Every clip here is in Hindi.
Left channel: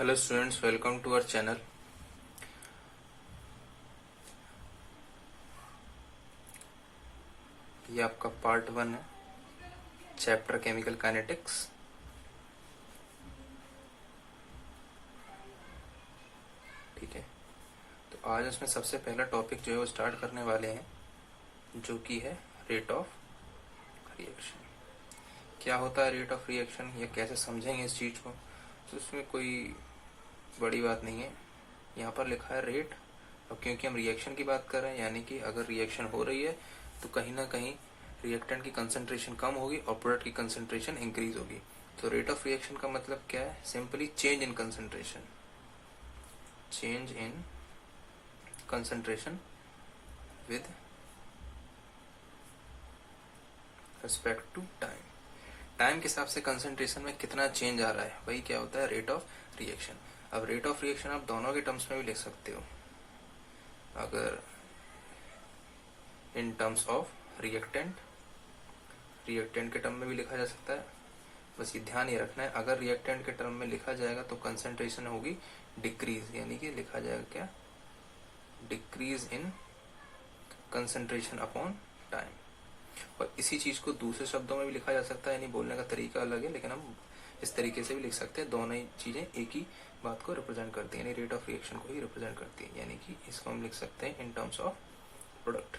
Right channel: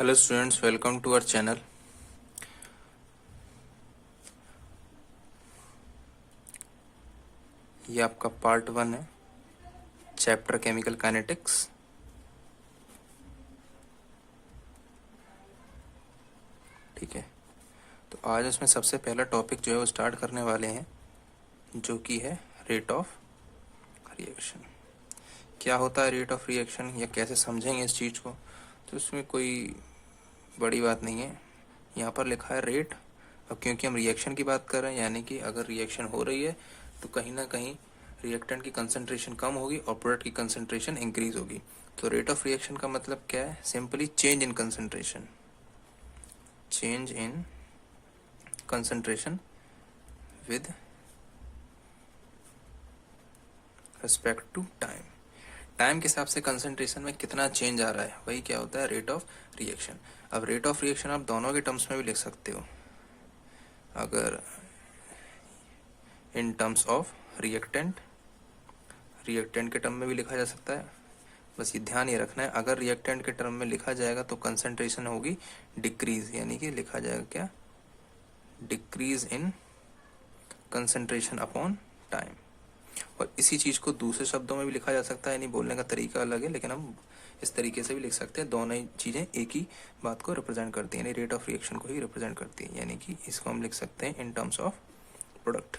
Hello students, welcome to our channel. ये आपका पार्ट 1 है, चैप्टर केमिकल काइनेटिक्स। ठीक है, तो आज इसमें सबसे पहला टॉपिक जो है वो स्टार्ट करने वाले हैं, जो कि है रेट ऑफ रिएक्शन। क्या होता है रेट ऑफ रिएक्शन या कैसे समझेंगे इस चीज़ को, तो इसमें कोई बड़ी बात नहीं है। यहाँ पर लिखा है रेट, अब क्योंकि हम रिएक्शन की बात कर रहे हैं, यानी कि अगर रिएक्शन हो रही है तो कहीं ना कहीं रिएक्टेंट की कंसंट्रेशन कम होगी और प्रोडक्ट की कंसंट्रेशन इंक्रीज होगी। तो रेट ऑफ रिएक्शन का मतलब क्या है? Simply change in concentration, change in concentration with respect to time. Time के हिसाब से कंसंट्रेशन में कितना चेंज आ रहा है, वही क्या होता है रेट ऑफ रिएक्शन। अब रेट ऑफ रिएक्शन आप दोनों के टर्म्स में भी लिख सकते हो। अगर इन टर्म्स ऑफ रिएक्टेंट के टर्म में भी लिखा जा सकता है। बस ये ध्यान ये रखना है, अगर रिएक्टेंट के टर्म में लिखा जाएगा तो कंसंट्रेशन होगी डिक्रीज, यानी कि लिखा जाएगा क्या? Decrease in concentration upon time. और इसी चीज को दूसरे शब्दों में भी लिखा जा सकता है, यानी बोलने का तरीका अलग है, लेकिन हम इस तरीके से भी लिख सकते हैं। दोनों ही चीजें एक ही बात को रिप्रेजेंट करती है, यानी रेट ऑफ रिएक्शन को ही रिप्रेजेंट करती है। यानी कि इसको हम लिख सकते हैं in terms of product.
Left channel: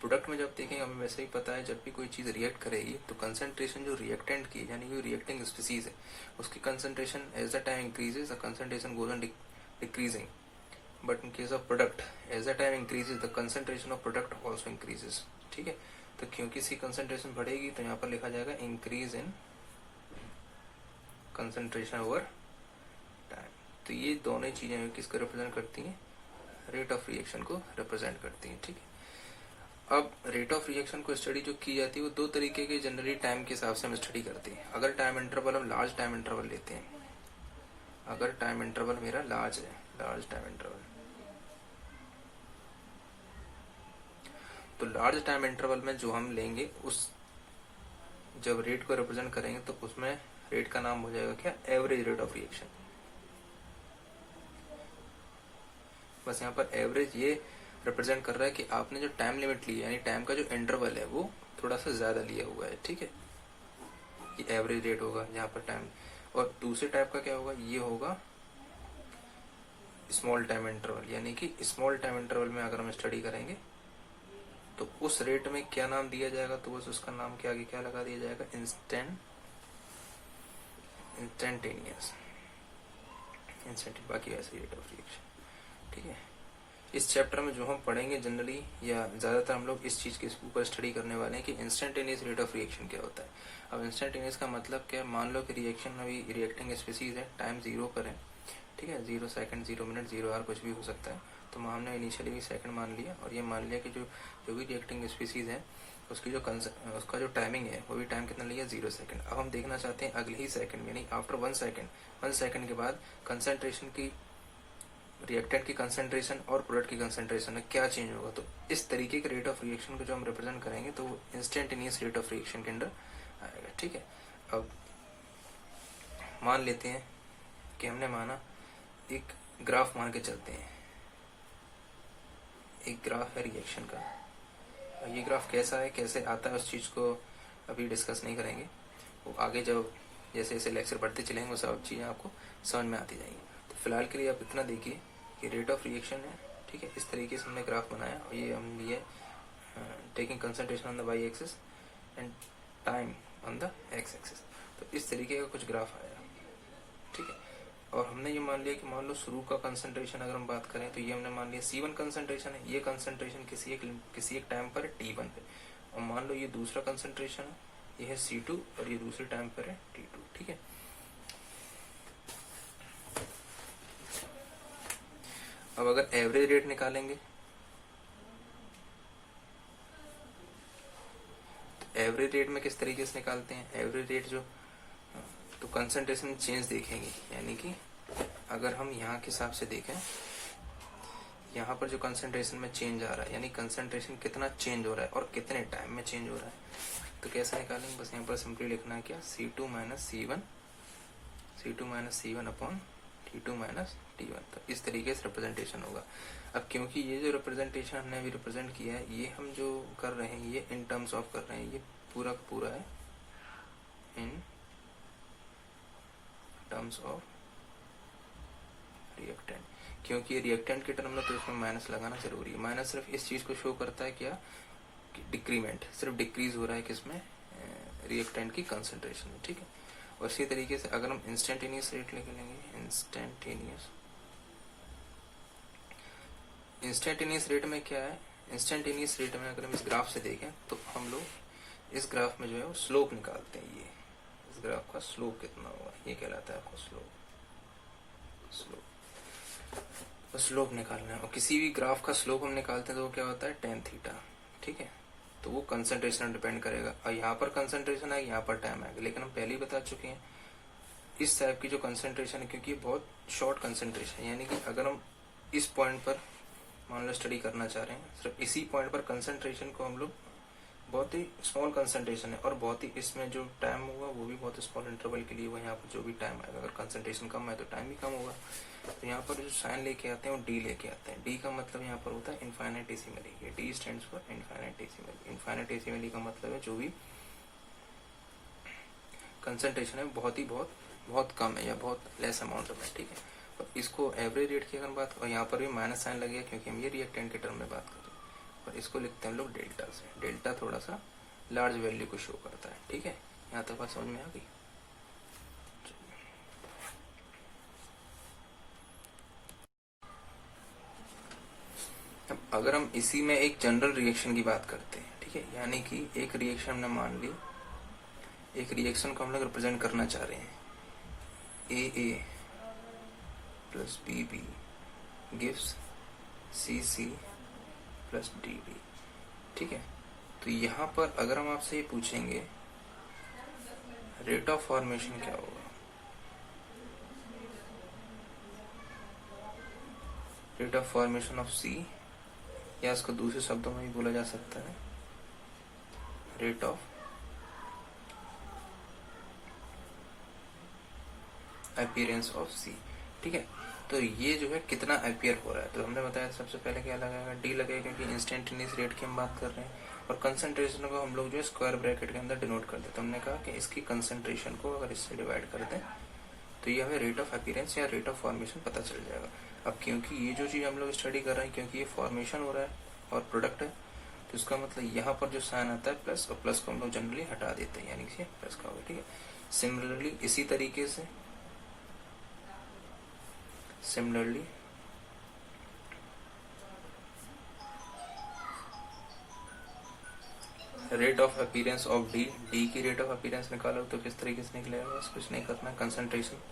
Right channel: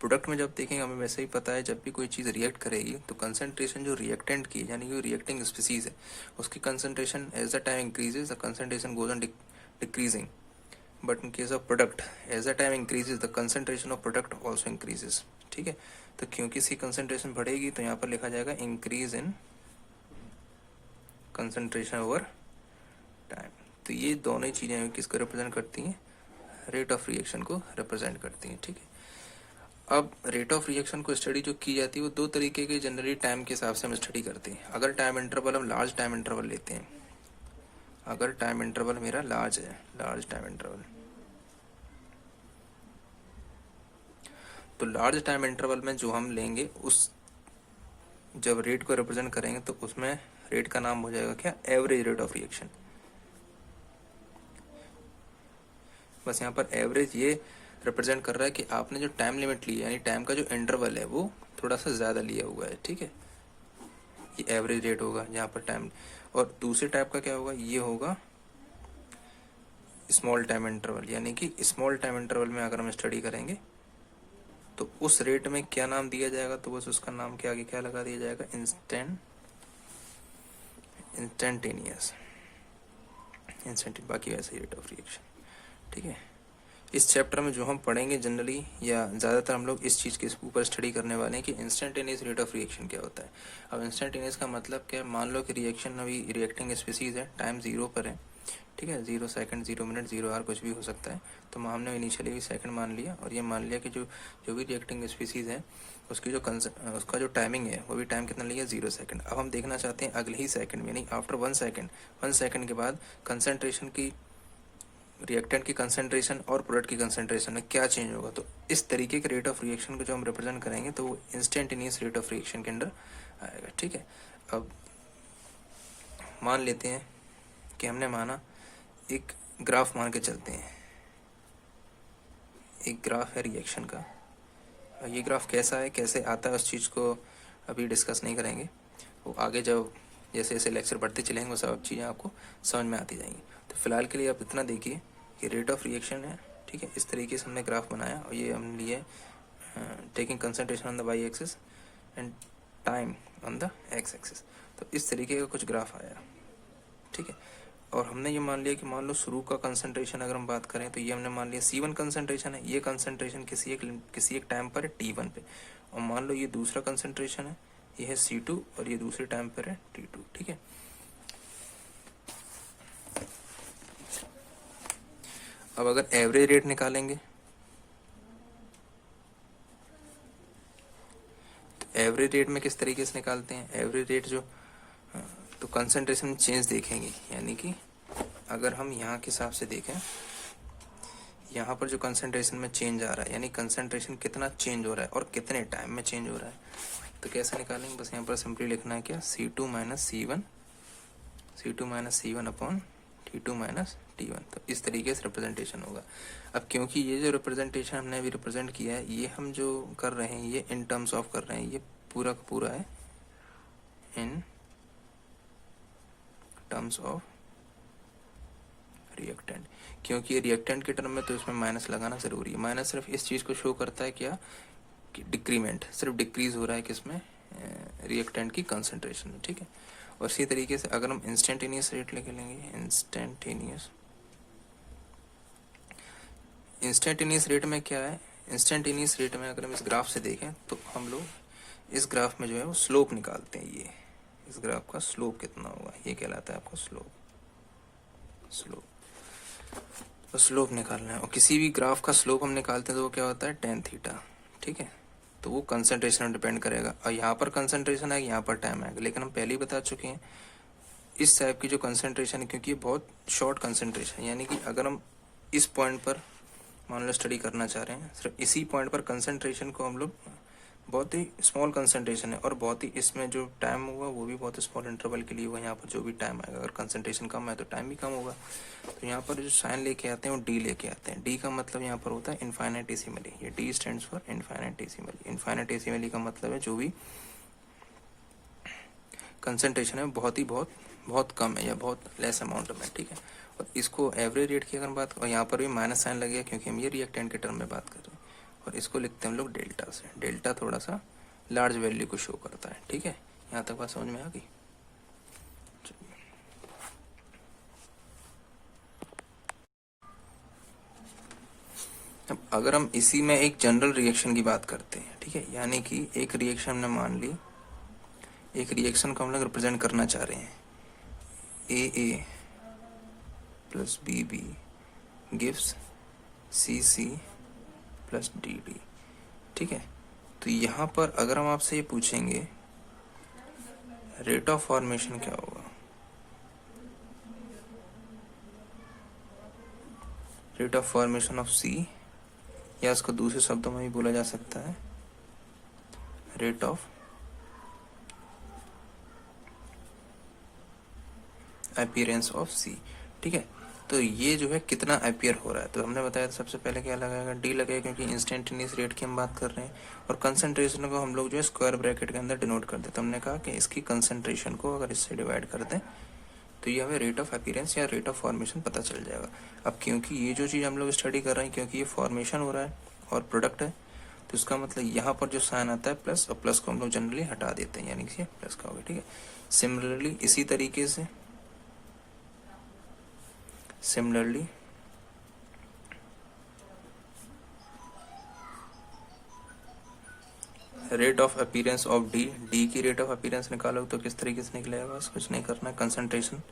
Product में जब देखेंगे, हमें वैसे ही पता है, जब भी कोई चीज़ रिएक्ट करेगी तो कंसंट्रेशन जो रिएक्टेंट की, यानी कि रिएक्टिंग स्पीसीज है, उसकी concentration as the time increases the concentration goes on decreasing. But in case of product, as the time increases the concentration of product also increases. ठीक है, तो क्योंकि इसकी कंसंट्रेशन बढ़ेगी तो यहाँ पर लिखा जाएगा increase in concentration over time. तो ये दोनों चीज़ें किसको रिप्रेजेंट करती हैं? रेट ऑफ रिएक्शन को रिप्रेजेंट करती हैं। ठीक है, अब रेट ऑफ रिएक्शन को स्टडी जो की जाती है वो दो तरीके के जनरली टाइम के हिसाब से हम स्टडी करते हैं। अगर टाइम इंटरवल हम लार्ज टाइम इंटरवल लेते हैं, अगर टाइम इंटरवल मेरा लार्ज है, लार्ज टाइम इंटरवल, तो लार्ज टाइम इंटरवल में जो हम लेंगे, उस जब रेट को रिप्रेजेंट करेंगे तो उसमें रेट का नाम हो जाएगा क्या? Average rate of reaction. बस यहाँ पर एवरेज ये रिप्रेजेंट कर रहा है कि आपने जो टाइम लिमिट ली है, यानी टाइम का जो इंटरवल है वो थोड़ा सा ज़्यादा लिया हुआ है। ठीक है, ये एवरेज रेट होगा यहाँ पर टाइम। और दूसरे टाइप का क्या होगा? ये होगा स्मॉल टाइम इंटरवल, यानी कि स्मॉल टाइम इंटरवल में अगर हम स्टडी करेंगे तो उस रेट में क्या नाम दिया जाएगा? तो बस उसका नाम के आगे क्या लगा दिया जाएगा? इंस्टेंटेनियस, बाकी वैसे रेट ऑफ रिएक्शन। ठीक है, इस चैप्टर में जो हम पढ़ेंगे जनरली या ज़्यादातर हम लोग इस चीज़ के ऊपर स्टडी करने वाले हैं कि इंस्टेंटेनियस रेट ऑफ रिएक्शन क्या होता है। अब इंस्टेंटेनियस का मतलब क्या है? मान लो कि रिएक्शन अभी रिएक्टिंग स्पीसीज है, टाइम 0 पर है। ठीक है, 0 सेकंड, 0 मिनट, 0 आवर, कुछ भी हो सकता है। तो हमने इनिशियली भी सेकंड मान लिया और ये मान लिया कि जो भी रिएक्टिंग स्पीसीज है उसकी उसका जो टाइमिंग है वो भी टाइम कितना लिया? 0 सेकंड। अब हम देखना चाहते हैं अगले ही सेकंड में, यानी आफ्टर 1 सेकंड, 1 सेकंड के बाद कंसंट्रेशन की, रिएक्टेंट की कंसंट्रेशन और प्रोडक्ट की कंसंट्रेशन में क्या चेंज होगा। तो इस तरीके के रेट ऑफ रिएक्शन को जो हम रिप्रेजेंट करेंगे तो वो इंस्टेंटेनियस रेट ऑफ रिएक्शन के अंडर आएगा। ठीक है, अब मान लेते हैं कि हमने माना, एक ग्राफ मान के चलते हैं, एक ग्राफ है रिएक्शन का। ये ग्राफ कैसा है, कैसे आता है, उस चीज़ को अभी डिस्कस नहीं करेंगे, वो आगे जब जैसे जैसे लेक्चर बढ़ते चलेंगे वो सब चीज़ें आपको समझ में आती जाएंगी। तो फिलहाल के लिए आप इतना देखिए कि रेट ऑफ रिएक्शन है। ठीक है, इस तरीके से हमने ग्राफ बनाया और ये हम लिए taking concentration on the Y axis and time on the X axis. तो इस तरीके का कुछ ग्राफ आया। ठीक है, और हमने ये मान लिया कि मान लो शुरू का कंसंट्रेशन अगर हम बात करें तो ये हमने मान लिया C1 कंसंट्रेशन है। ये कंसंट्रेशन किसी एक टाइम पर है T1 पे, और मान लो ये दूसरा कंसंट्रेशन है, ये है C2 और ये दूसरे टाइम पर है T2। ठीक है, अब अगर एवरेज रेट निकालेंगे तो एवरेज रेट में किस तरीके से निकालते हैं? एवरेज रेट जो, तो कंसंट्रेशन चेंज देखेंगे, यानी कि अगर हम यहाँ के हिसाब से देखें, यहाँ पर जो कंसंट्रेशन में चेंज आ रहा है, यानी कंसंट्रेशन कितना चेंज हो रहा है और कितने टाइम में चेंज हो रहा है, तो कैसे निकालेंगे? बस यहाँ पर सिंपली लिखना है क्या? C2 minus C1 C2 minus C1 upon T2 minus T1। तो इस तरीके से रिप्रेजेंटेशन होगा। अब क्योंकि ये जो रिप्रेजेंटेशन हमने अभी रिप्रेजेंट किया है, ये हम जो कर रहे हैं ये इन टर्म्स ऑफ कर रहे हैं, ये पूरा का पूरा है इन टर्म्स ऑफ रिएक्टेंट। क्योंकि रिएक्टेंट के टर्म में तो इसमें माइनस लगाना जरूरी है। माइनस सिर्फ इस चीज़ को शो करता है क्या, कि डिक्रीमेंट, सिर्फ डिक्रीज हो रहा है किसमें, रिएक्टेंट की कंसंट्रेशन में, ठीक है। और इसी तरीके से अगर हम इंस्टेंटेनियस रेट लेके लेंगे, इंस्टेंटेनियस रेट में क्या है, इंस्टेंटेनियस रेट में अगर हम इस ग्राफ से देखें तो हम लोग इस ग्राफ में जो है वो स्लोप निकालते हैं। ये इस ग्राफ का स्लोप कितना होगा, ये कहलाता है आपको स्लोप। तो स्लोप निकालना है, और किसी भी ग्राफ का स्लोप हम निकालते हैं तो वो क्या होता है, टेन थीटा, ठीक है। तो वो कंसंट्रेशन पर डिपेंड करेगा, और यहाँ पर कंसंट्रेशन आएगा, यहाँ पर टाइम आएगा। लेकिन हम पहले ही बता चुके हैं इस टाइप की जो कंसंट्रेशन है, क्योंकि ये बहुत शॉर्ट कंसंट्रेशन है, यानी कि अगर हम इस पॉइंट पर मान लो स्टडी करना चाह रहे हैं, सिर्फ इसी पॉइंट पर कंसंट्रेशन को हम लोग, बहुत ही स्मॉल कंसंट्रेशन है और बहुत ही इसमें जो टाइम होगा वो भी बहुत स्मॉल इंटरवल के लिए होगा। यहाँ पर जो भी टाइम आएगा, अगर कंसंट्रेशन कम है तो टाइम भी कम होगा। तो यहाँ पर जो साइन लेके आते हैं वो डी लेके आते हैं। डी का मतलब यहाँ पर होता है इनफाइनाइटेसिमली, ये डी स्टैंड्स फॉर इनफाइनाइटेसिमली। इनफाइनाइटेसिमली का मतलब है जो भी कंसंट्रेशन है बहुत कम है या बहुत लेस अमाउंट में, ठीक है। तो इसको एवरेज रेट की अगर बात, और यहाँ पर भी माइनस साइन लगेगा क्योंकि हम ये रिएक्टेंट के टर्म में बात कर रहे हैं, और इसको लिखते हैं हम लोग डेल्टा से। डेल्टा थोड़ा सा लार्ज वैल्यू को शो करता है, ठीक है। यहाँ तक बात समझ में आ गई। अगर हम इसी में एक जनरल रिएक्शन की बात करते हैं, ठीक है, यानी कि एक रिएक्शन में मान ली, एक रिएक्शन को हम लोग रिप्रेजेंट करना चाह रहे हैं, AA plus BB gives CC plus DD, ठीक है। तो यहाँ पर अगर हम आपसे ये पूछेंगे रेट ऑफ फॉर्मेशन क्या होगा, rate of formation of C, या इसको दूसरे शब्दों में भी बोला जा सकता है rate of appearance of C, ठीक है। तो ये जो है कितना अपीयर हो रहा है, तो हमने बताया सबसे पहले क्या लगाएगा, डी लगेगा, क्योंकि इंस्टेंटेनियस रेट की हम बात कर रहे हैं। और कंसंट्रेशन को हम लोग जो है स्क्वायर ब्रैकेट के अंदर डिनोट कर देते हैं। हमने कहा कि इसकी कंसंट्रेशन को अगर इससे डिवाइड कर दें तो ये हमें रेट ऑफ अपीयरेंस या रेट ऑफ फॉर्मेशन पता चल जाएगा। अब क्योंकि ये जो चीज़ हम लोग स्टडी कर रहे हैं, क्योंकि ये फॉर्मेशन हो रहा है और प्रोडक्ट है, तो इसका मतलब यहाँ पर जो साइन आता है प्लस, और प्लस को हम लोग जनरली हटा देते हैं, यानी कि प्लस का होगा, ठीक है। सिमिलरली इसी तरीके से rate of appearance of D, D की रेट ऑफ अपीयरेंस निकालो तो किस तरीके से निकलेगा, बस कुछ नहीं करना, concentration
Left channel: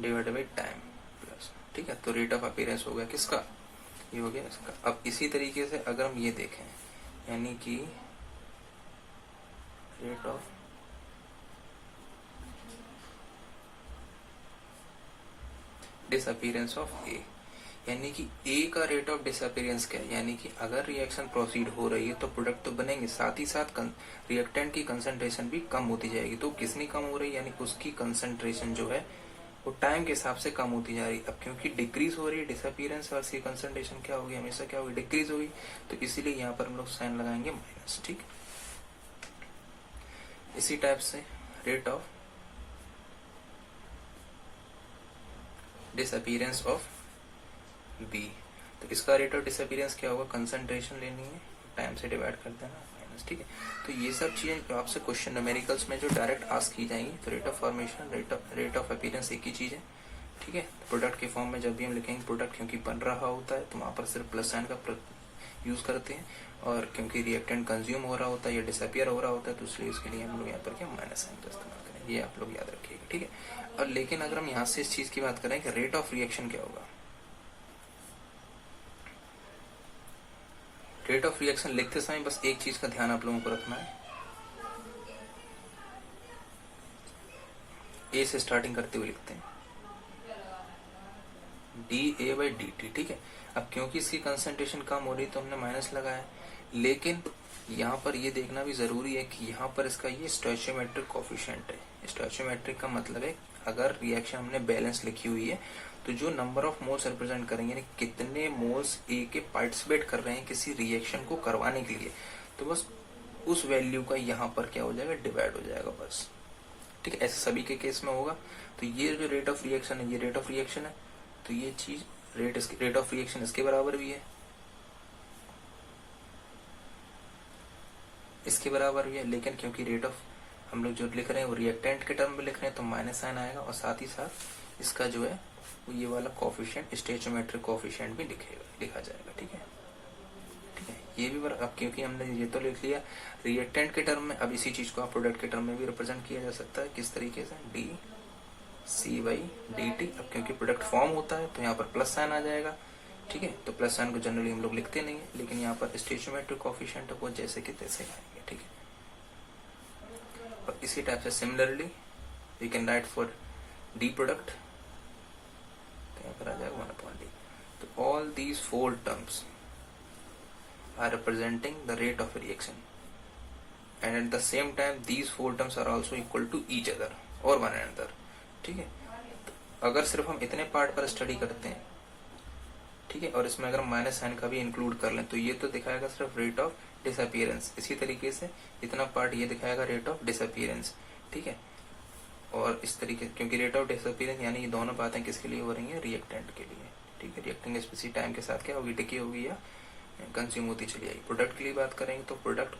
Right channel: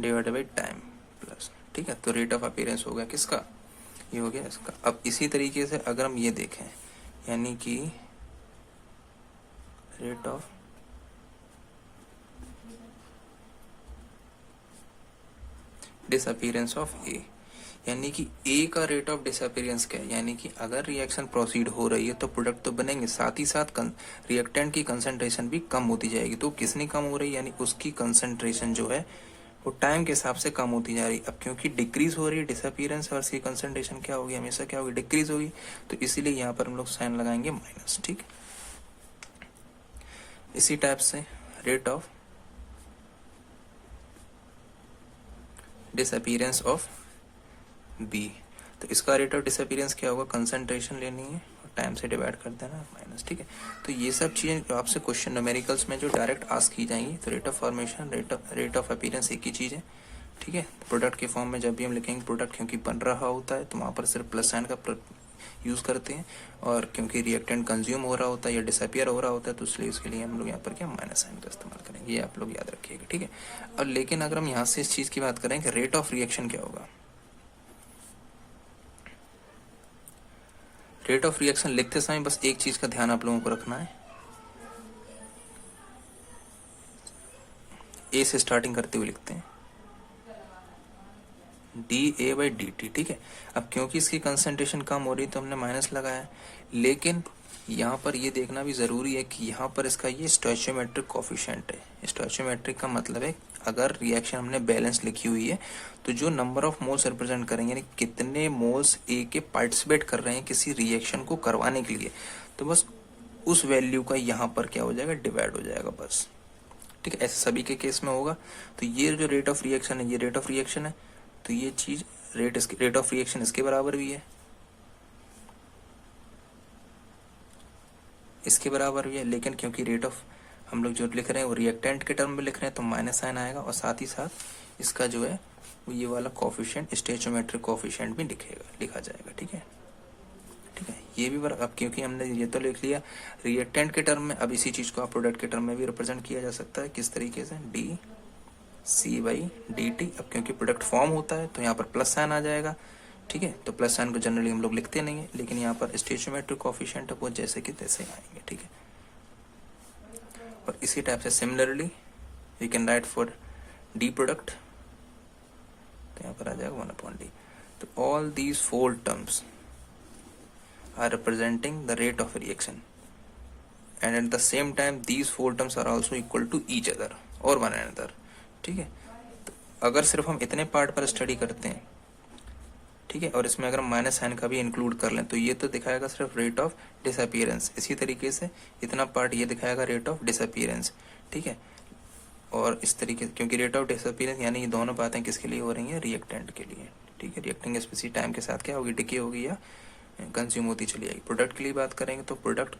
divided by time plus, ठीक है। तो रेट ऑफ अपीयरेंस हो गया किसका, ये हो गया इसका। अब इसी तरीके से अगर हम ये देखें, यानी कि रेट ऑफ डिसअपीयरेंस ऑफ ए, यानी कि ए का रेट ऑफ डिसअपीयरेंस क्या है, यानी कि अगर रिएक्शन प्रोसीड हो रही है तो प्रोडक्ट तो बनेंगे, साथ ही साथ रिएक्टेंट की कंसंट्रेशन भी कम होती जाएगी। तो किसनी कम हो रही है, यानी उसकी कंसंट्रेशन जो है वो टाइम के हिसाब से कम होती जा रही है। अब क्योंकि डिक्रीज हो रही है डिसअपीयरेंस, और उसकी कंसंट्रेशन क्या होगी, हमेशा क्या होगी, डिक्रीज होगी। तो इसीलिए यहाँ पर हम लोग साइन लगाएंगे माइनस, ठीक। इसी टाइप से rate of disappearance of B, तो इसका रेट ऑफ डिसअपीयरेंस क्या होगा, कंसंट्रेशन लेनी है, टाइम से डिवाइड कर देना माइनस, ठीक है। तो ये सब चीजें जो आपसे क्वेश्चन न्यूमेरिकल्स में जो डायरेक्ट आस्क की जाएंगी, तो rate of formation, rate of appearance एक ही चीज है, ठीक है। प्रोडक्ट के फॉर्म में जब भी हम लिखेंगे प्रोडक्ट, क्योंकि बन रहा होता है तो वहां पर सिर्फ प्लस साइन का यूज करते हैं, और क्योंकि रिएक्टेंट कंज्यूम हो रहा होता है या डिसअपियर हो रहा होता है तो इसलिए उसके लिए हम लोग यहाँ पर क्या माइनस साइन का इस्तेमाल करेंगे, ये आप लोग याद रखिएगा, ठीक है। और लेकिन अगर हम यहाँ से इस चीज की बात करें कि रेट ऑफ रिएक्शन क्या होगा, रेट ऑफ रिएक्शन लिखते समय बस एक चीज का ध्यान आप लोगों को रखना है, ए से स्टार्टिंग करते हुए लिखते हैं D A by D T, ठीक है। अब क्योंकि इसकी कंसंट्रेशन कम हो रही तो हमने माइनस लगाया, लेकिन यहाँ पर ये देखना भी ज़रूरी है कि यहाँ पर इसका ये स्टोइचियोमेट्रिक कोफिशिएंट है। स्टोइचियोमेट्रिक का मतलब है अगर रिएक्शन हमने बैलेंस लिखी हुई है तो जो नंबर ऑफ मोल्स रिप्रेजेंट करेंगे, यानी कितने मोल्स ए के पार्टिसिपेट कर रहे हैं किसी रिएक्शन को करवाने के लिए, तो बस उस वैल्यू का यहाँ पर क्या हो जाएगा, डिवाइड हो जाएगा बस। ठीक है, ऐसे सभी के केस में होगा। तो ये जो रेट ऑफ रिएक्शन है, ये रेट ऑफ रिएक्शन है, तो ये चीज रेट ऑफ रिएक्शन इसके बराबर भी है, इसके बराबर भी है। लेकिन क्योंकि रेट ऑफ हम लोग जो लिख रहे हैं वो रिएक्टेंट के टर्म में लिख रहे हैं तो माइनस साइन आएगा, और साथ ही साथ इसका जो है वो ये वाला कोफिशिएंट स्टोइचियोमेट्रिक कोफिशिएंट भी लिखा जाएगा। ठीक है, ठीक है, ये भी अब क्योंकि हमने ये तो लिख लिया रिएक्टेंट के टर्म में, अब इसी चीज को आप प्रोडक्ट के टर्म में भी रिप्रेजेंट किया जा सकता है। किस तरीके से, D C by D T. अब क्योंकि प्रोडक्ट फॉर्म होता है तो यहाँ पर प्लस साइन आ जाएगा। ठीक है, तो प्लस साइन को जनरली हम लोग लिखते नहीं है, लेकिन यहाँ पर स्टोइचियोमेट्रिक कोफिशिएंट है वो जैसे कि तैसे आएंगे। ठीक है, और इसी टाइप से similarly you can write for D product, तो यहाँ पर आ जाएगा 1/d। तो all these 4 terms are representing the rate of reaction and at the same time these 4 terms are also equal to each other or one another। ठीक है, तो अगर सिर्फ हम इतने पार्ट पर स्टडी करते हैं, ठीक है, और इसमें अगर माइनस साइन का भी इंक्लूड कर लें तो ये तो दिखाएगा सिर्फ रेट ऑफ डिसअपियरेंस। इसी तरीके से इतना पार्ट ये दिखाएगा रेट ऑफ डिसअपियरेंस। ठीक है, और इस तरीके क्योंकि रेट ऑफ डिसअपियरेंस यानी ये दोनों बातें किसके लिए हो रही हैं, रिएक्टेंट के लिए। ठीक है, रिएक्टिंग स्पीसीज टाइम के साथ क्या होगी, डिके होगी या कंज्यूम होती चली आएगी। प्रोडक्ट के लिए बात करेंगे तो प्रोडक्ट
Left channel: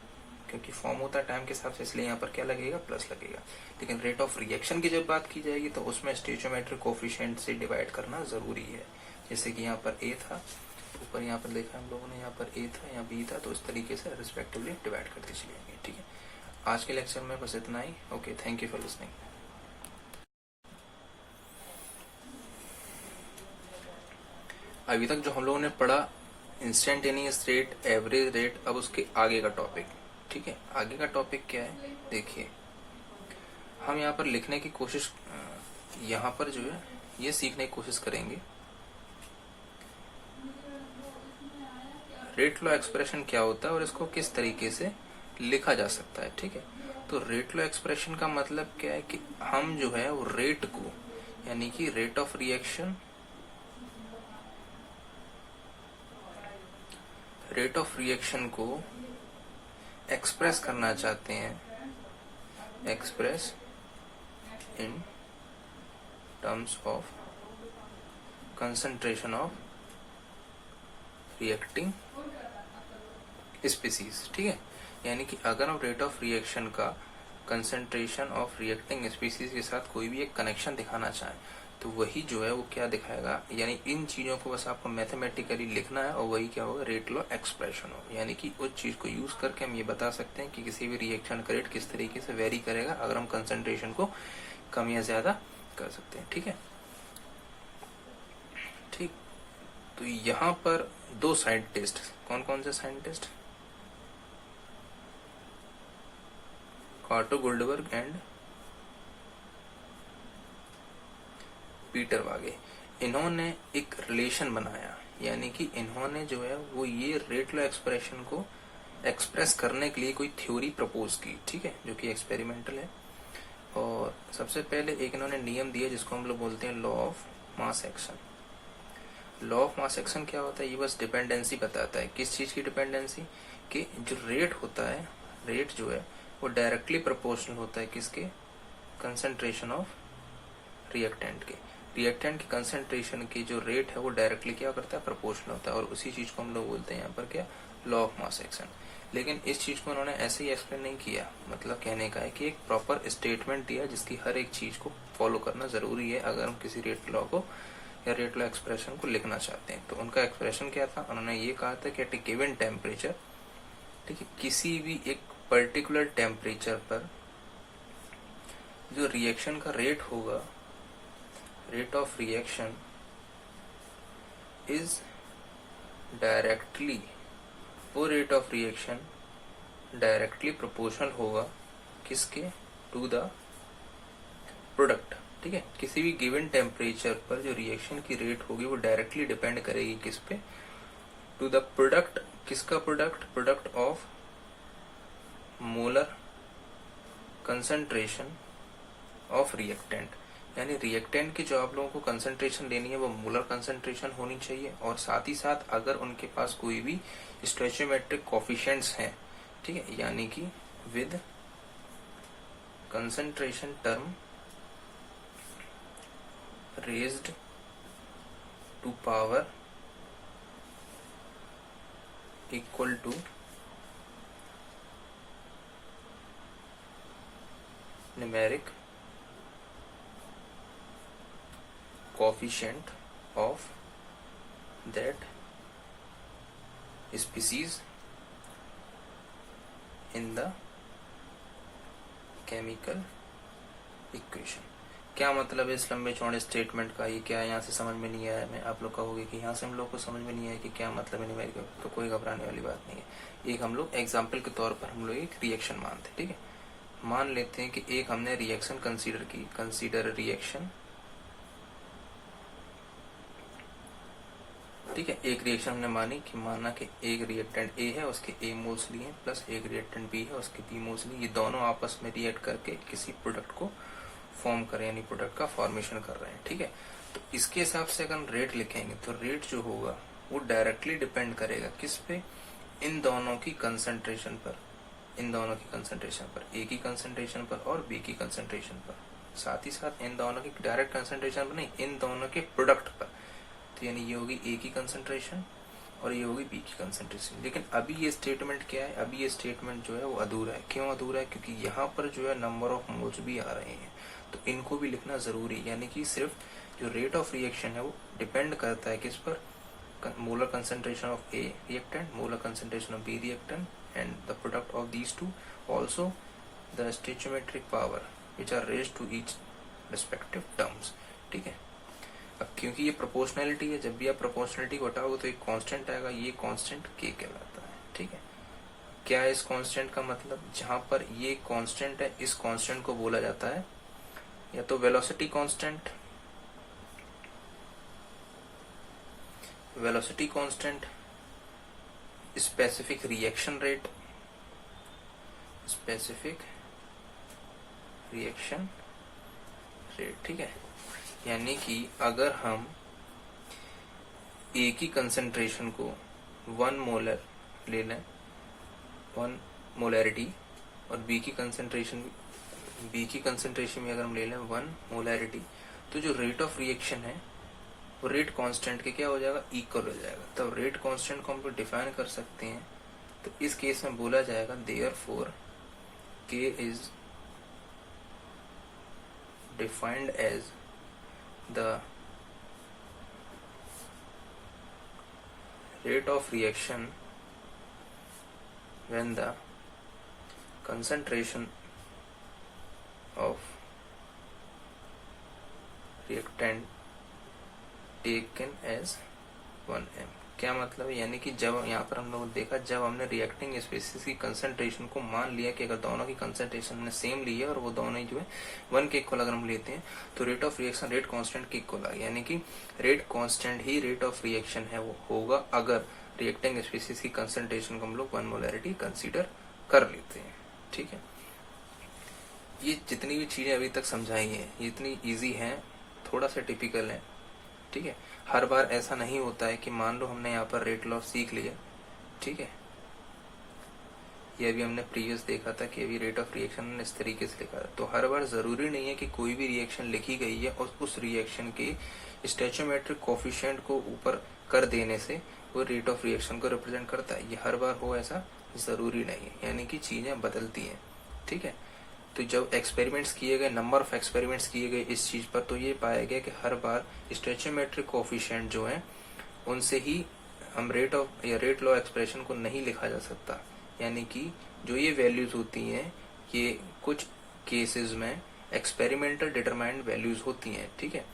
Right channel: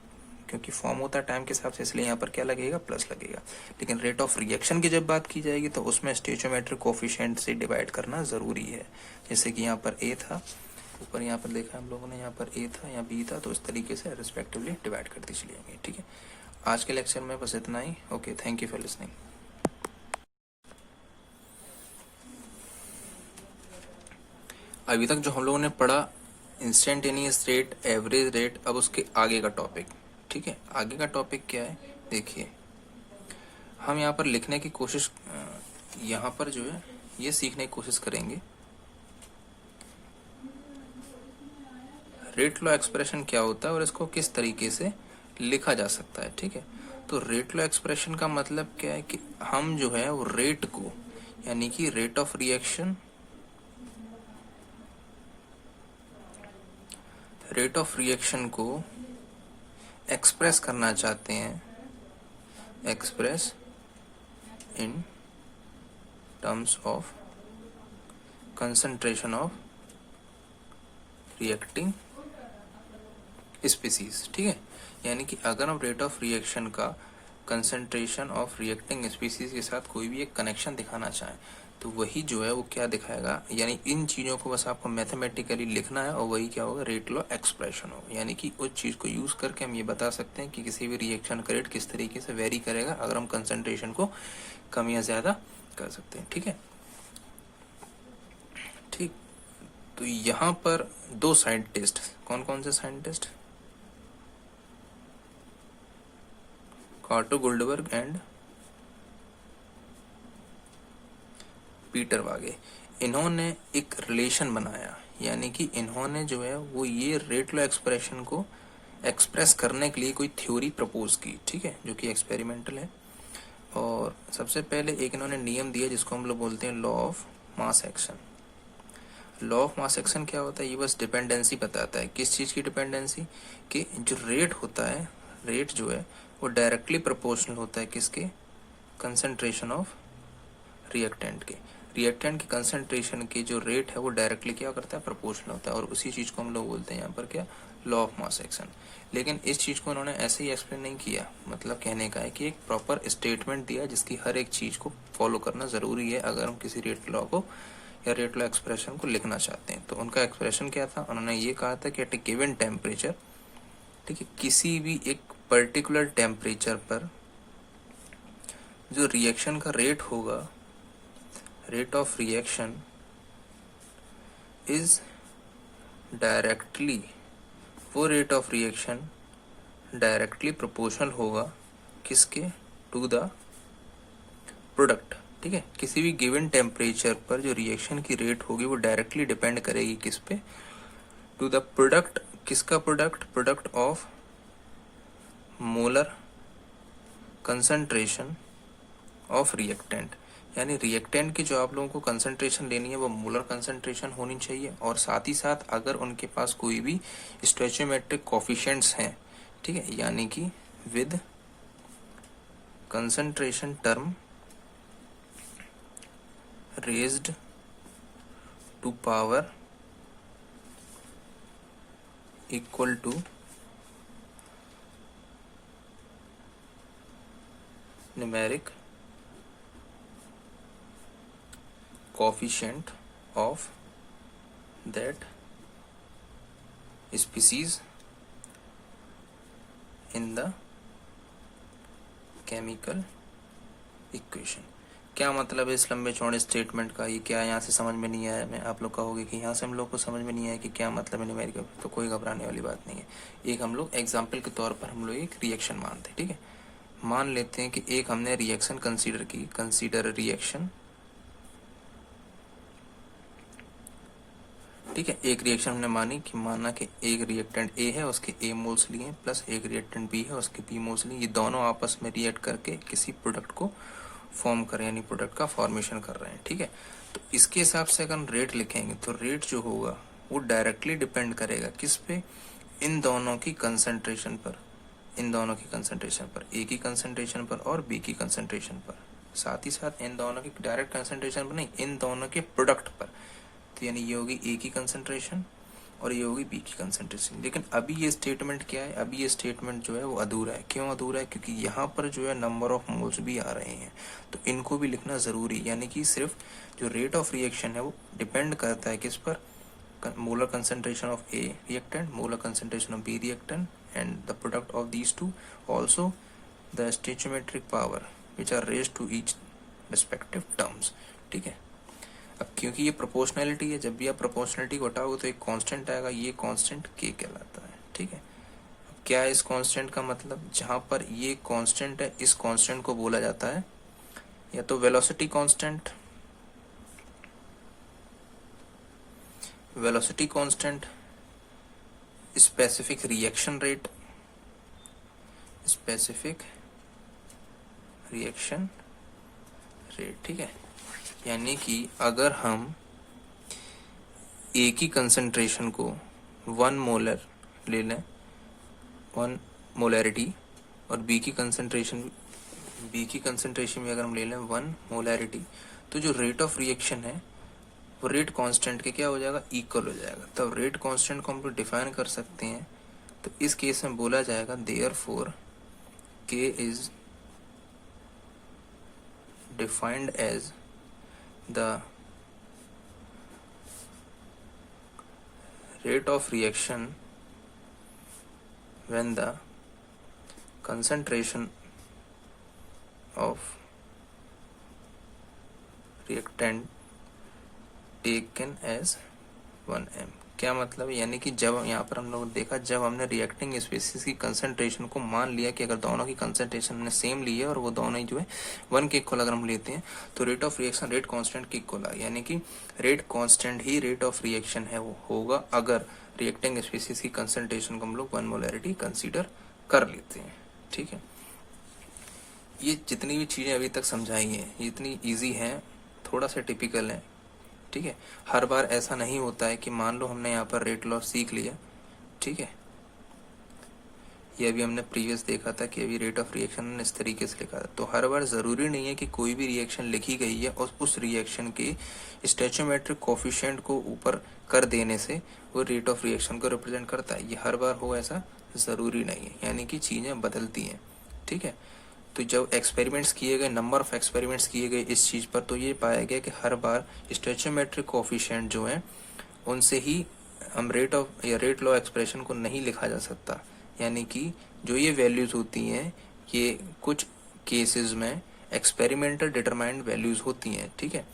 क्योंकि फॉर्म होता है टाइम के हिसाब से, इसलिए यहाँ पर क्या लगेगा, प्लस लगेगा। लेकिन रेट ऑफ रिएक्शन की जब बात की जाएगी तो उसमें स्टोइचियोमेट्रिक कोफिशिएंट से डिवाइड करना जरूरी है। जैसे कि यहाँ पर ए था, ऊपर यहाँ पर देखा हम लोगों ने, यहाँ पर ए था, यहाँ बी था, तो उस तरीके से रिस्पेक्टिवली डिवाइड करते चले जाएंगे। ठीक है, आज के लेक्चर में बस इतना ही। Okay, thank you for listening. अभी तक जो हम लोगों ने पढ़ा इंस्टेंटेनियस रेट, एवरेज रेट, अब उसके आगे का टॉपिक। ठीक है, आगे का टॉपिक क्या है, देखिए हम यहाँ पर लिखने की कोशिश, यहाँ पर जो है ये सीखने की कोशिश करेंगे रेट लॉ एक्सप्रेशन क्या होता है और इसको किस तरीके से लिखा जा सकता है। ठीक है, तो रेट लॉ एक्सप्रेशन का मतलब क्या है कि हम जो है वो रेट को, यानी कि rate of reaction, rate of reaction को एक्सप्रेस करना चाहते हैं, express in terms of concentration of reacting species. ठीक है, यानी कि अगर हम रेट ऑफ रिएक्शन का कंसंट्रेशन ऑफ रिएक्टिंग स्पीसीज के साथ कोई भी एक कनेक्शन दिखाना चाहें तो वही जो है वो क्या दिखाएगा, यानी इन चीज़ों को बस आपको मैथमेटिकली लिखना है और वही क्या होगा, रेट लॉ एक्सप्रेशन होगा। यानी कि उस चीज़ को यूज़ करके हम ये बता सकते हैं कि किसी भी रिएक्शन का रेट किस तरीके से वेरी करेगा अगर हम कंसंट्रेशन को कम या ज़्यादा कर सकते हैं। ठीक है, ठीक, तो यहाँ पर 2 साइंटिस्ट, कौन कौन से साइंटिस्ट, कार्टो गोल्डबर्ग एंड पीटर वागे, इन्होंने एक रिलेशन बनाया, यानी कि इन्होंने जो है वो ये रेट लॉ एक्सप्रेशन को एक्सप्रेस करने के लिए कोई थ्योरी प्रपोज की। ठीक है, जो कि एक्सपेरिमेंटल है। और सबसे पहले एक इन्होंने नियम दिया जिसको हम लोग बोलते हैं law of mass action. Law of mass action क्या होता है, ये बस डिपेंडेंसी बताता है। किस चीज़ की डिपेंडेंसी, कि जो रेट होता है, रेट जो है वो डायरेक्टली प्रोपोर्शनल होता है किसके, कंसंट्रेशन ऑफ रिएक्टेंट के। रिएक्टेंट की कंसंट्रेशन की जो रेट है वो डायरेक्टली क्या करता है, प्रोपोर्शनल होता है, और उसी चीज़ को हम लोग बोलते हैं यहाँ पर क्या, लॉ ऑफ मास एक्शन। लेकिन इस चीज़ को उन्होंने ऐसे ही एक्सप्लेन नहीं किया, मतलब कहने का है कि एक प्रॉपर स्टेटमेंट दिया जिसकी हर एक चीज़ को फॉलो करना ज़रूरी है अगर हम किसी रेट लॉ को या रेट लॉ एक्सप्रेशन को लिखना चाहते हैं। तो उनका एक्सप्रेशन क्या था, उन्होंने ये कहा था कि एट ए गिवन टेम्परेचर, ठीक है, किसी भी एक पर्टिकुलर टेम्परेचर पर जो रिएक्शन का रेट होगा, rate of reaction is directly, वो rate of reaction directly proportional होगा किसके, टू द प्रोडक्ट। ठीक है, किसी भी गिवन टेम्परेचर पर जो रिएक्शन की रेट होगी वो डायरेक्टली डिपेंड करेगी किस पे, टू द प्रोडक्ट किसका product? Product of molar concentration of reactant, यानी रिएक्टेंट की जो आप लोगों को कंसंट्रेशन लेनी है वो मोलर कंसंट्रेशन होनी चाहिए, और साथ ही साथ अगर उनके पास कोई भी स्टोइचियोमेट्रिक कोफिशिएंट्स हैं, ठीक है, यानी कि with concentration term raised to power equal to numeric coefficient of that species in the chemical equation। क्या मतलब है इस लंबे चौड़े स्टेटमेंट का? ये क्या यहाँ से समझ में नहीं आया? मैं आप लोग कहोगे कि यहाँ से हम लोग को समझ में नहीं आया कि क्या मतलब है न्यूमेरिकल, तो कोई घबराने वाली बात नहीं है। एक हम लोग एग्जाम्पल के तौर पर हम लोग एक रिएक्शन मानते हैं, ठीक है। मान लेते हैं कि एक हमने रिएक्शन कंसीडर की, कंसीडर रिएक्शन, ठीक है। एक रिएक्शन हमने मानी कि माना कि एक रिएक्टेंट ए है, उसके ए मोल्स लिए, प्लस एक रिएक्टेंट बी है, उसके बी मोल्स लिए, ये दोनों आपस में रिएक्ट करके किसी प्रोडक्ट को फॉर्म कर रहे हैं, यानी प्रोडक्ट का फॉर्मेशन कर रहे हैं, ठीक है। तो इसके हिसाब से अगर हम रेट लिखेंगे तो रेट जो होगा वो डायरेक्टली डिपेंड करेगा किस पे? इन दोनों की कंसंट्रेशन पर, इन दोनों की कंसंट्रेशन पर, ए की कंसंट्रेशन पर और बी की कंसंट्रेशन पर, साथ ही साथ इन दोनों की डायरेक्ट कंसंट्रेशन पर नहीं, इन दोनों के प्रोडक्ट पर। तो यानी ये होगी ए की कंसंट्रेशन और ये होगी बी की कंसंट्रेशन। लेकिन अभी ये स्टेटमेंट क्या है? अभी ये स्टेटमेंट जो है वो अधूरा है। क्यों अधूरा है? क्योंकि यहाँ पर जो है नंबर ऑफ मोल्स भी आ रहे हैं, तो इनको भी लिखना जरूरी है। यानी कि सिर्फ जो रेट ऑफ रिएक्शन है वो डिपेंड करता है किस पर? Molar concentration of A reactant, molar concentration of B reactant, and the product of these two, also the stoichiometric power which are raised to each respective terms, ठीक है। अब क्योंकि ये प्रोपोर्शनैलिटी है, जब भी आप प्रोपोर्शनैलिटी को हटाओगे तो एक कांस्टेंट आएगा, ये कांस्टेंट के कहलाता है, ठीक है। क्या है इस कांस्टेंट का मतलब? जहां पर ये कांस्टेंट है, इस कांस्टेंट को बोला जाता है या तो velocity constant, velocity constant, specific reaction rate, specific reaction rate, ठीक है। यानी कि अगर हम ए की कंसंट्रेशन को 1 मोलर ले लें, 1 मोलैरिटी, और बी की कंसंट्रेशन भी अगर हम ले लें 1 मोलैरिटी, तो जो रेट ऑफ रिएक्शन है वो रेट कांस्टेंट के क्या हो जाएगा? इक्वल हो जाएगा। तो रेट कांस्टेंट को हम लोग डिफाइन कर सकते हैं, तो इस केस में बोला जाएगा therefore K is defined as the rate of reaction when the concentration of reactant taken as 1m। क्या मतलब है? यानी कि जब यहाँ पर हम लोग देखा, जब हमने रिएक्टिंग स्पीसीज की कंसंट्रेशन को मान लिया कि अगर दोनों की कंसंट्रेशन हमने सेम ली है और वो दोनों ही जो है 1 के इक्वल अगर हम लेते हैं, तो rate of reaction rate constant के इक्वल आ, यानी कि rate constant he rate of reaction है वो होगा अगर रिएक्टिंग स्पीसीज की कंसंट्रेशन को हम लोग 1 मोलैरिटी कंसिडर कर लेते हैं, ठीक है। ये जितनी भी चीजें अभी तक समझाई हैं ये इतनी ईजी हैं, थोड़ा सा टिपिकल है, ठीक है। हर बार ऐसा नहीं होता है कि मान लो हमने यहाँ पर रेट लॉ सीख लिया, ठीक है, ये अभी हमने प्रीवियस देखा था कि अभी रेट ऑफ रिएक्शन इस तरीके से लिखा था, तो हर बार जरूरी नहीं है कि कोई भी रिएक्शन लिखी गई है और उस रिएक्शन के स्टोइचियोमेट्रिक कोफिशिएंट को ऊपर कर देने से वो रेट ऑफ रिएक्शन को रिप्रेजेंट करता है। ये हर बार हो ऐसा जरूरी नहीं है, यानी कि चीजें बदलती हैं, ठीक है। तो जब एक्सपेरिमेंट्स किए गए, नंबर ऑफ एक्सपेरिमेंट्स किए गए इस चीज़ पर, तो ये पाया गया कि हर बार स्टोइचियोमेट्रिक कोफिशिएंट जो है उनसे ही हम रेट ऑफ या रेट लॉ एक्सप्रेशन को नहीं लिखा जा सकता। यानी कि जो ये वैल्यूज होती हैं ये कुछ केसेस में एक्सपेरिमेंटल डिटरमाइंड वैल्यूज होती हैं, ठीक है।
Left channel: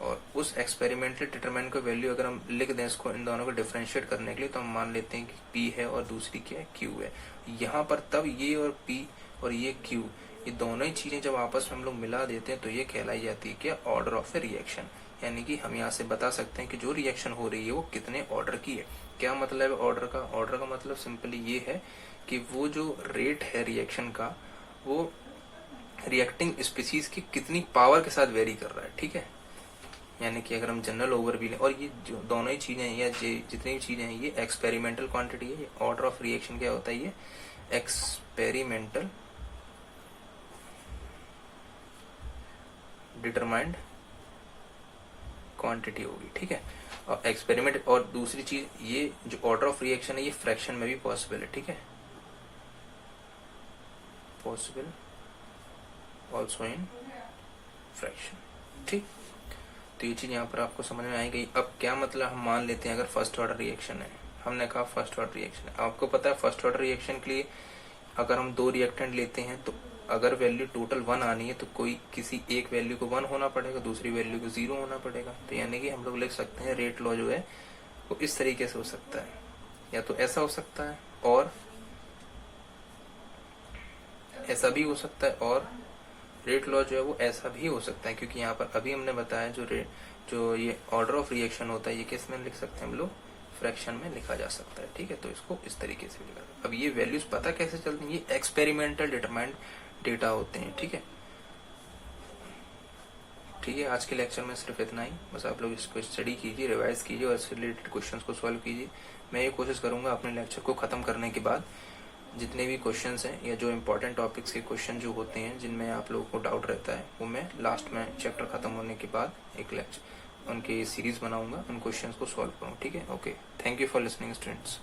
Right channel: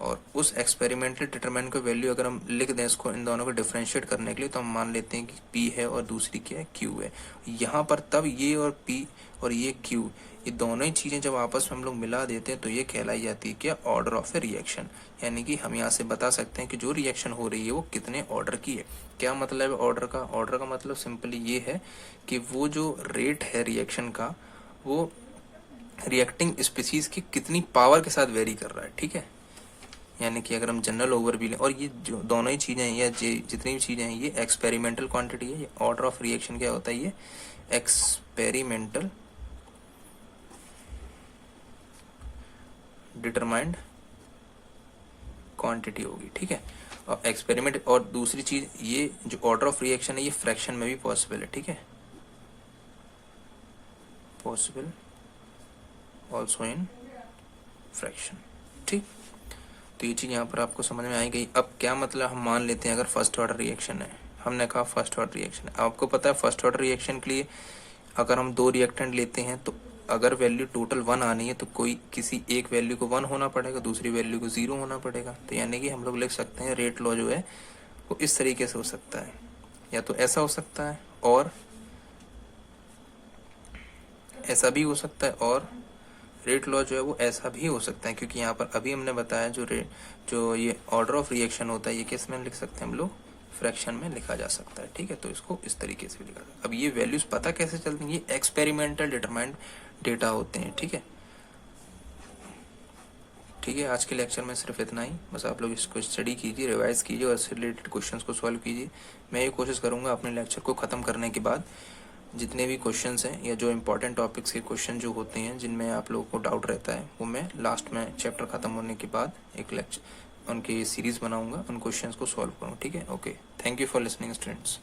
और उस एक्सपेरिमेंटल डिटरमाइंड को वैल्यू अगर हम लिख दें इसको, इन दोनों को डिफरेंशिएट करने के लिए, तो हम मान लेते हैं कि P है और दूसरी क्या है? Q है। यहाँ पर तब ये और P और ये Q, ये दोनों ही चीजें जब आपस में हम लोग मिला देते हैं तो ये कहलाई जाती है क्या? Order of A reaction. यानी कि हम यहाँ से बता सकते हैं कि जो रिएक्शन हो रही है वो कितने ऑर्डर की है। क्या मतलब है ऑर्डर का? ऑर्डर का मतलब सिंपली ये है कि वो जो रेट है रिएक्शन का वो रिएक्टिंग स्पीसीज की कितनी पावर के साथ वेरी कर रहा है, ठीक है। यानी कि अगर हम जनरल ओवर भी लें, और ये जो दोनों ही चीज़ें हैं या जितनी भी चीज़ें हैं ये एक्सपेरिमेंटल क्वांटिटी है। ये ऑर्डर ऑफ रिएक्शन क्या होता है? ये एक्सपेरिमेंटल डिटरमाइंड क्वांटिटी होगी, ठीक है। और एक्सपेरिमेंट, और दूसरी चीज ये जो ऑर्डर ऑफ रिएक्शन है ये फ्रैक्शन में भी पॉसिबल है, ठीक है, पॉसिबल ऑल्सो इन फ्रैक्शन, ठीक। तो ये चीज यहाँ पर आपको समझ में आई गई। अब क्या मतलब, हम मान लेते हैं अगर फर्स्ट ऑर्डर रिएक्शन है, हमने कहा फर्स्ट ऑर्डर रिएक्शन है। आपको पता है फर्स्ट ऑर्डर रिएक्शन के लिए अगर हम दो रिएक्टेंट लेते हैं तो अगर वैल्यू टोटल 1 आनी है तो कोई किसी एक वैल्यू को 1 होना पड़ेगा, दूसरी वैल्यू को 0 होना पड़ेगा। तो यानी कि हम लोग लिख सकते हैं रेट लॉ जो है वो इस तरीके से हो सकता है, या तो ऐसा हो सकता है और ऐसा भी हो सकता है, और रेट लॉ जो है वो ऐसा भी हो सकता है, क्योंकि यहाँ पर अभी हमने बताया जो ये ऑर्डर ऑफ रिएक्शन होता है ये किस में लिख सकते हैं हम लोग? फ्रैक्शन में लिखा जा सकता है, ठीक है। तो इसको इस तरीके से लिखा जाए। अब ये वैल्यूज पता कैसे चलती हैं? ये एक्सपेरिमेंटल डिटरमाइंड डेटा होते हैं, ठीक है। ठीक है, आज के लेक्चर में सिर्फ इतना ही। बस आप लोग इसको स्टडी कीजिए, रिवाइज कीजिए और इससे रिलेटेड क्वेश्चंस को सॉल्व कीजिए। मैं ये कोशिश करूंगा अपने लेक्चर को ख़त्म करने के बाद जितने भी क्वेश्चंस हैं या जो इंपॉर्टेंट टॉपिक्स के क्वेश्चन जो होते हैं जिनमें आप लोगों को डाउट रहता है वो मैं लास्ट में चैप्टर ख़त्म होने के बाद एक लेक्चर उनकी सीरीज़ बनाऊंगा, उन क्वेश्चंस को सॉल्व करूँ, ठीक है। Okay, thank you for listening students.